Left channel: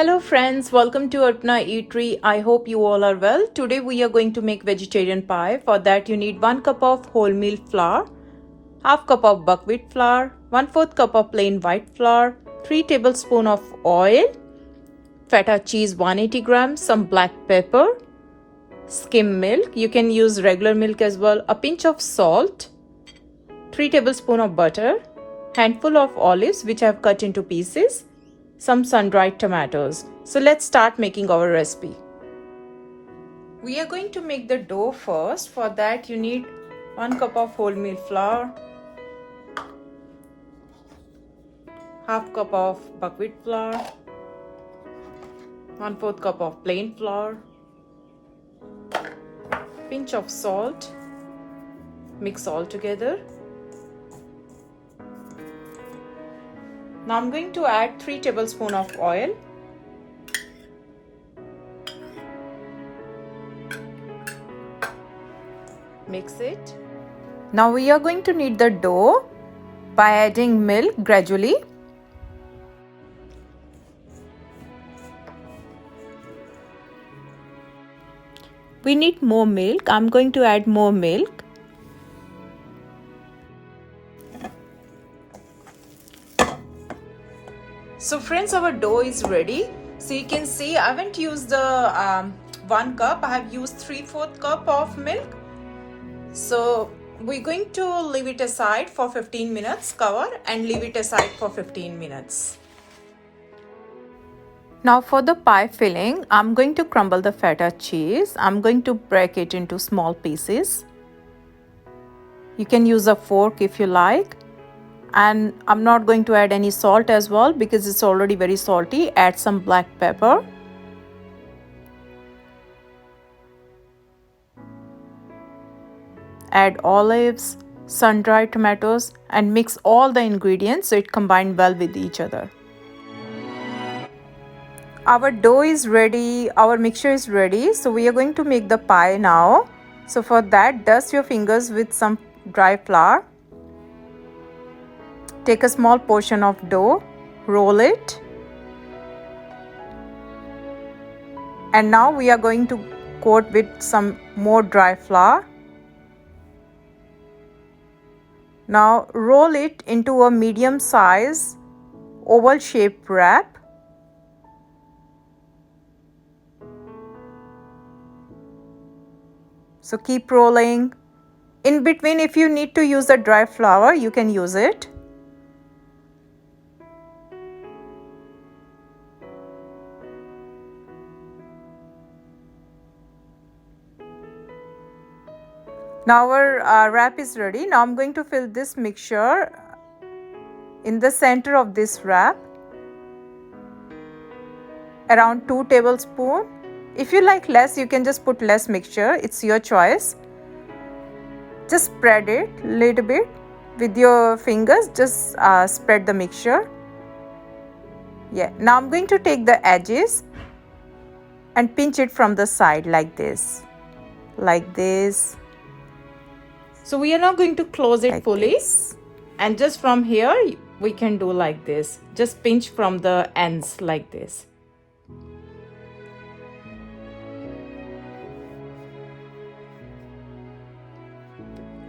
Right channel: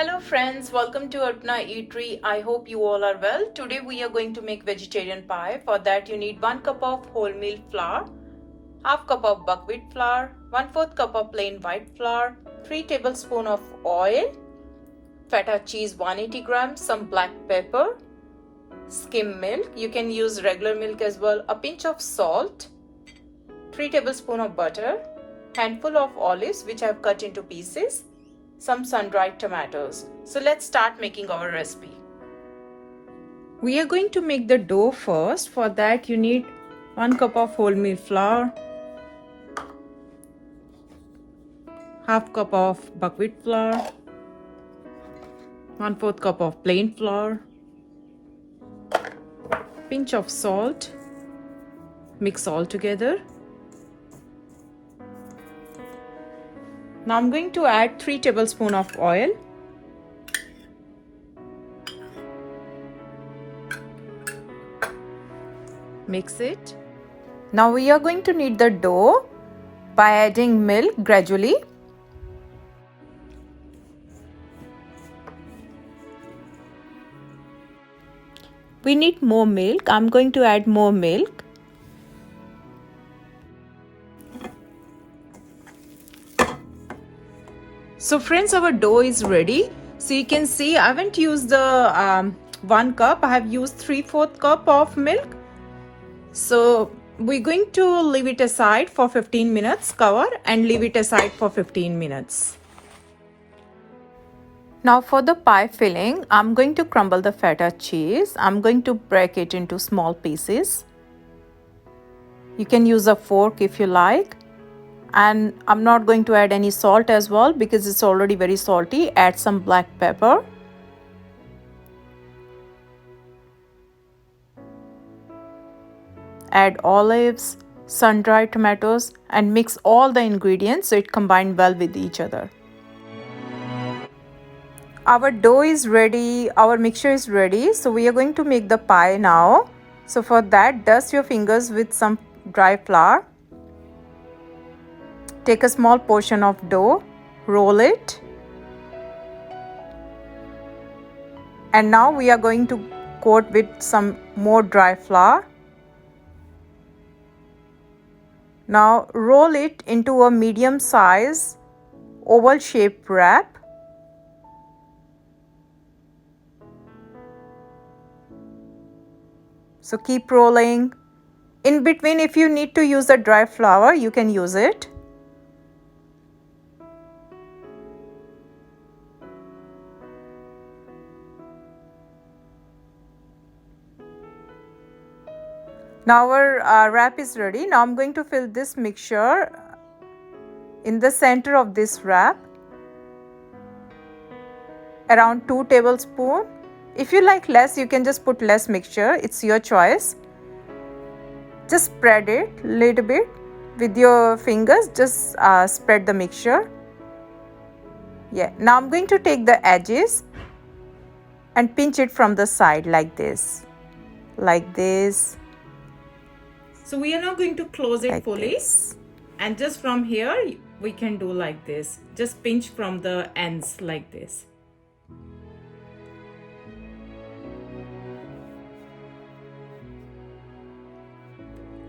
Hello friends, welcome to Arpana Eatery. I hope you all are well. Today we are going to make vegetarian pie. For that you need 1 cup of wholemeal flour, half cup of buckwheat flour, 1/4 cup of plain white flour, 3 tablespoons of oil, feta cheese 180 grams, some black pepper, skim milk. You can use regular milk as well, a pinch of salt, 3 tablespoons of butter, handful of olives which I have cut into pieces, some sun-dried tomatoes. So let's start making our recipe. We are going to make the dough first. For that you need 1 cup of wholemeal flour, half cup of buckwheat flour, 1/4 cup of plain flour, pinch of salt. Mix all together. Now I'm going to add 3 tablespoons of oil. Mix it. Now we are going to knead the dough by adding milk gradually. We need more milk. I'm going to add more milk. So friends, our dough is ready. So you can see I haven't used the 1 cup. I have used 3/4 cup of milk. So we're going to leave it aside for 15 minutes, cover and leave it aside for 15 minutes. Now for the pie filling, I'm going to crumble the feta cheese. I'm going to break it into small pieces. You can use a fork if you like. And I'm not going to add any salt as well because it's already very salty. Add some black pepper. Add olives, sun-dried tomatoes and mix all the ingredients so it combines well with each other. Our dough is ready, our mixture is ready. So we are going to make the pie now. So for that, dust your fingers with some dry flour. Take a small portion of dough, roll it. And now we are going to coat with some more dry flour. Now roll it into a medium size oval shaped wrap. So keep rolling. In between, if you need to use the dry flour, you can use it. Now our wrap is ready. Now I'm going to fill this mixture in the center of this wrap, around 2 tablespoons. If you like less, you can just put less mixture. It's your choice. Just spread it a little bit with your fingers. Just spread the mixture. Yeah. Now I'm going to take the edges and pinch it from the side like this. Like this. So we are now going to close it like fully this. And just from here we can do like this. Just pinch from the ends like this.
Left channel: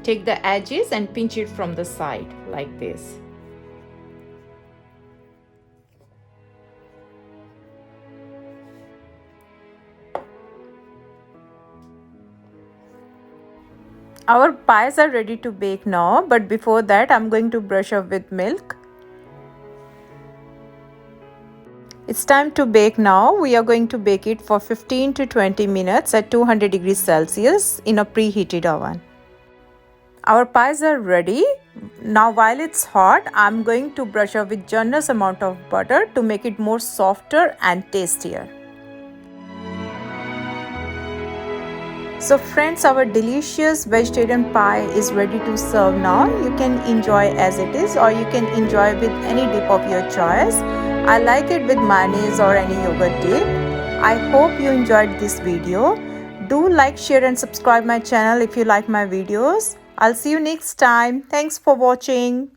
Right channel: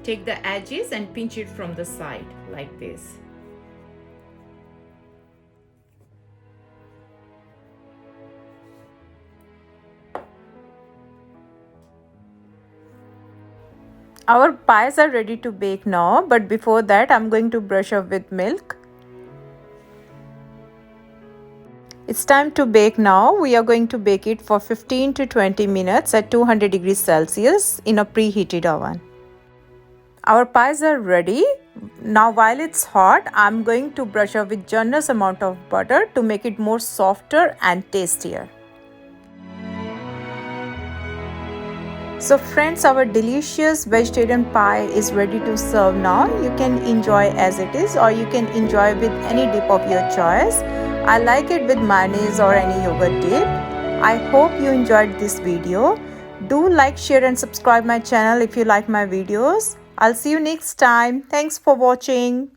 Take the edges and pinch it from the side like this. Our pies are ready to bake now, but before that I'm going to brush up with milk. It's time to bake now. We are going to bake it for 15 to 20 minutes at 200 degrees Celsius in a preheated oven. Our pies are ready. Now while it's hot, I'm going to brush up with generous amount of butter to make it more softer and tastier. So friends, our delicious vegetarian pie is ready to serve now. You can enjoy as it is or you can enjoy with any dip of your choice. I like it with mayonnaise or any yogurt dip. I hope you enjoyed this video. Do like, share and subscribe my channel if you like my videos. I'll see you next time. Thanks for watching.